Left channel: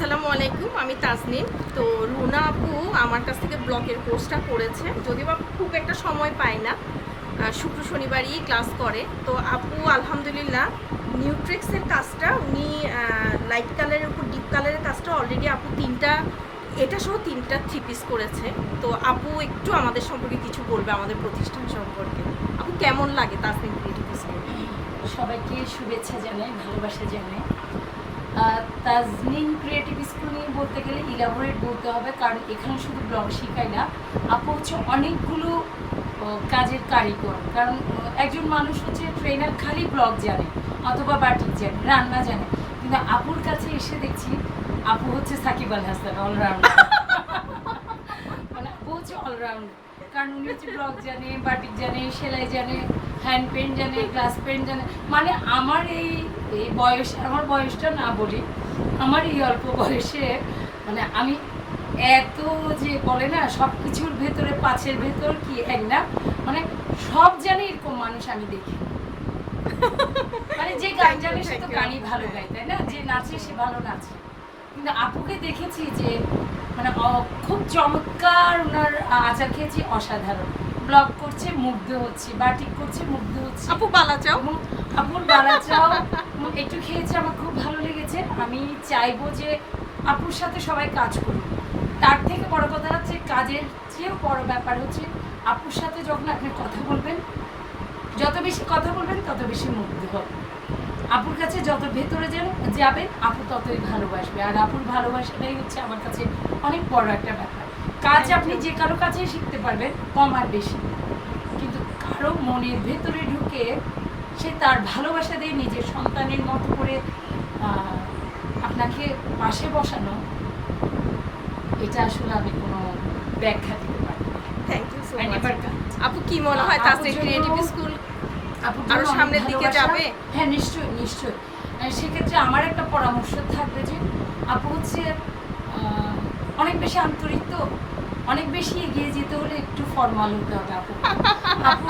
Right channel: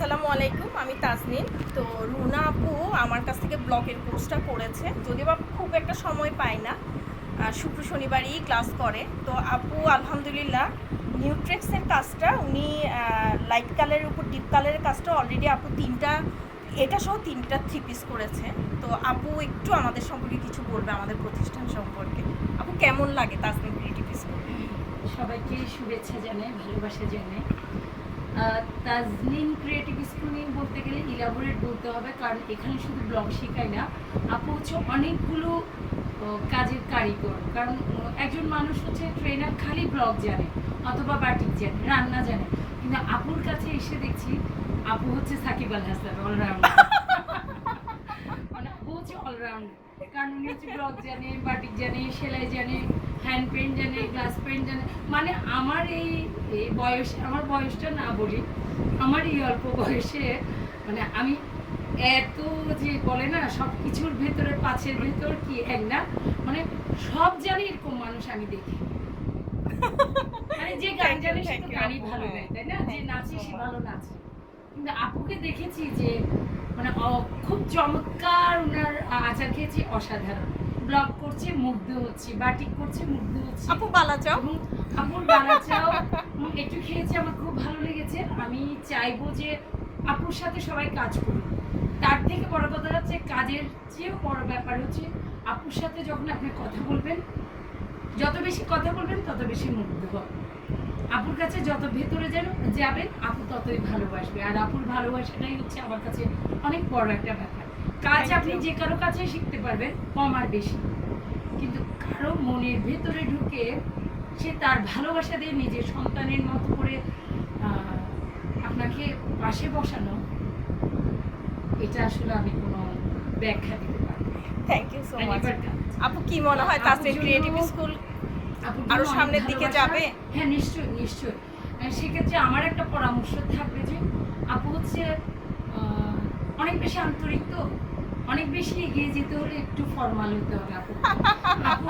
আসসালামু আলাইকুম, আমি তাজনিম। তো রুনা আপু আমার কাছ থেকে ব্লকের কোর্সটা করেছে, যদিও বা খুব একটা সময় পায় না, শুক্র শনিবারই ক্লাস করে। তো আপু আলহামদুলিল্লাহ নিউট্রেক্সের কাজটা উনি লাইট কালারের উপর ডিপ কালারের কাজটা অলরেডি আপু এটা সহ তিনটা 3 পিস করেছে। তো আপু একটু আমাদের সম্পর্কে কিছু বলবে, আমাদের প্রতিষ্ঠান সম্পর্কে। আপু কেমন লাগে তাজনিম ক্রিয়েটিভ স্কুল? সবাইকে শুভেচ্ছা জানাই, ভালোবাসা জানাই। তাজনিম ক্রিয়েটিভ স্কুল নিয়ে বলতে গেলে ইলাবোরেট বলতে হবে, কারণ এখানে শুধু ব্লগ শেখায় না, আপু হচ্ছে অনেকগুলো কাজের কারিগর। কারণ একজন মানুষ হচ্ছে ট্রেনার খালি ব্লগ জানে অথবা বাটিক জানে, রান্না জানে, কিন্তু আপুর কাছে এসে দেখছি আপু হচ্ছে সাকিব আল হাসান, অলরাউন্ডার। মানে আপু হচ্ছে অলরাউন্ডার, কারণ উনি হচ্ছে ব্লগ জানে, বাটিক জানে, সেলাই জানে, হ্যান্ড পেন্ট জানে, গ্লাস পেন্ট জানে। মানে আমার এই বয়স, আমার বয়সটা না বলি, আমার এই অল্প বয়সে মানে আমি এত যে বলে না সব কিছুর ভেতরে পাঁচের ভেতর কি এক না, মানে সব জানে এরকম মানুষ আমি দেখি। মানে যে গান জানে সে তো গানই ভালো গায়, তাই না? যে নাচে সে ভালো নাচে। কিন্তু আপুকে দেখেছি যে মানে খুব চমৎকার, ওনার আচার খেয়েছি অসাধারণ। ব্লগ করছে, মুগ্ধ হচ্ছে, বাটিক করছে, মুগ্ধ হচ্ছে। আপু বালা চাও? এবং আপুর বালা চাও একটু খেয়েছি, আমার খুব ভালো লেগেছে। আমি চাইবো যে আপুর সাথে সবাই কাজ করুন। তার থেকে বড় কথা হচ্ছে, কাজের চেয়েও বড় ব্যাপার হচ্ছে আপুর সাথে যখন আপনি কথা বলবেন, যত বেশি কথা বলবেন তত বেশি মুগ্ধ হবে। আপুর কাছে যত ভেতরে যাবেন আপু ততই ভালোবাসবে। আর আপুর ভালোবাসাটাই হচ্ছে আমার কাছে অনেক বড় একটা ব্যাপার। কাজ আপনি যে কারো কাছে শিখতে পারবেন, কম আর বেশি, কিন্তু কারো মনের ভেতরে ঢুকে সে তার ভালোবাসা দিয়ে নিজের সন্তানের মতো করে আপনাকে পাশে বসানো, এটা আসলে আমি কোনো ব্যাখ্যা দিতে পারি না। Thank you so much. আপু কি মনে হয় তাজনিম ক্রিয়েটিভ স্কুল আরো সামনের দিকে যাবে? হ্যাঁ, নিশ্চয়ই নিশ্চয়ই। সেক্ষেত্রে আমার একটা পরামর্শ থাকবে যে আপু হচ্ছে অনেক বেশি আন্তরিক, তো অনেক বেশি এগিয়ে যেতে হলে একটু ফর্মাল হতে হবে আপু। আপু